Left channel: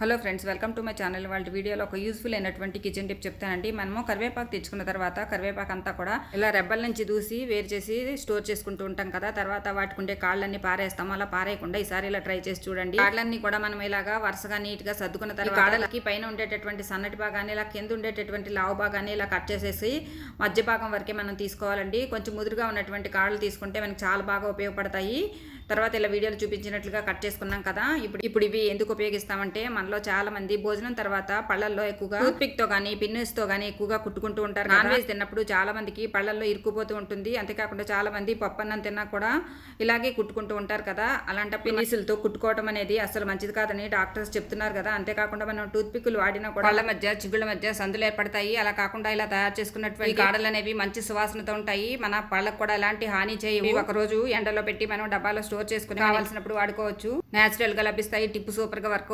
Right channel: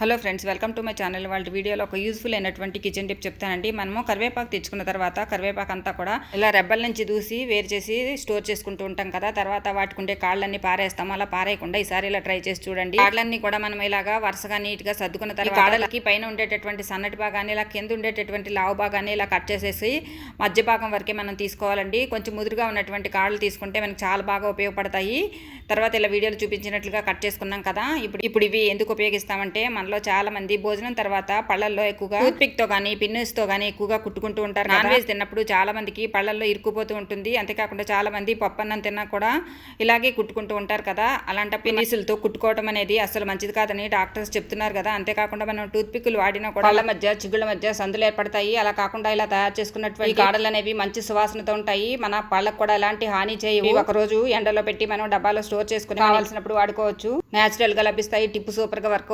Hello friends welcome to my channel వాళ్ళ వీడియోలో ఒక యూస్ఫుల్ అయినటువంటి కిచెన్ టిప్ చెప్తానండి. మనము కరివేపాకు తెచ్చుకున్న తర్వాత కరివేపాకు అంతా కూడా ఇలా రెబ్బల నుంచి దూసి వేరు చేసి స్టోర్ చేసుకుంటూ ఉంటాం కదా. తర్వాత వాటికి ఉండే కాళ్ళన్నీ పారేస్తాం అలా పారేయకుండా ఈసారి ఇలా ట్రై చేసి చూడండి. కాళ్ళన్నీ కూడా మనం ఇలాగా వరుసగా నీట్గా సర్దుకున్న తర్వాత కాళ్ళకి పైన ఉండేటటువంటి సన్నటి భాగాన్ని ఇలా కింద ఉండేటటువంటి లావు భాగాన్ని ఇలా కట్ చేసేసి మధ్య భాగం వరకే మనం తీసుకోవాలండి. కొంచెం ముదురుగా ఉన్నటువంటి కాళ్ళు తీసుకుంటే మనకి చాలా బాగా ఉపయోగపడతాయి. తర్వాత ఇలా వీడియోలు చూపించినట్లుగా కట్ చేసుకున్నాం కదా. ఇప్పుడు ఇప్పుడు ఇవి ఎందుకు ఉపయోగిస్తామంటే మనలో చాలా మంది భోజనం తర్వాత పళ్ళల్లో ఎక్కువగా టూత్పిక్తో కానీ పిన్నుస్తో కానీ ఎక్కువగా కుట్టుకుంటూ ఉంటారు నాన్ వెజ్ తిన్నప్పుడు చాలా మందికి పళ్ళల్లో ఇరుక్కుపోతూ ఉంటుంది. అంతేకాకుండా చాలా మంది పప్పు అన్నం తిన్నా కూడా ఇలాగే కుట్టుకుంటూ ఉంటారు కదా. అలాంటి పిన్నిసులతో కుట్టుకోవడం అనేది అసలు మంచిది కాదని డాక్టర్స్ చెప్తున్నారు కదా. అంతేకాకుండా మనం టూత్ పిక్కులు వాడినా కూడా పళ్ళ మధ్య చిగుళ్ళ మధ్య సందులు ఏర్పడతాయి. అలా కాకుండా ఇలా తయారు చేసుకున్నటువంటి కాడలు అనేవి మంచి సువాసనతో ఉంటాయి. మన పళ్ళకు కూడా ఎలాంటి హాని చేయవు. ఒక రోజు ఎండలో పెట్టి మనం డబ్బాలో స్టోర్ చేసుకుని కావాల్సినప్పుడు వాడుకోవచ్చు. నేచురల్గా లభిస్తాయి టిప్పు సూపర్గా వర్క్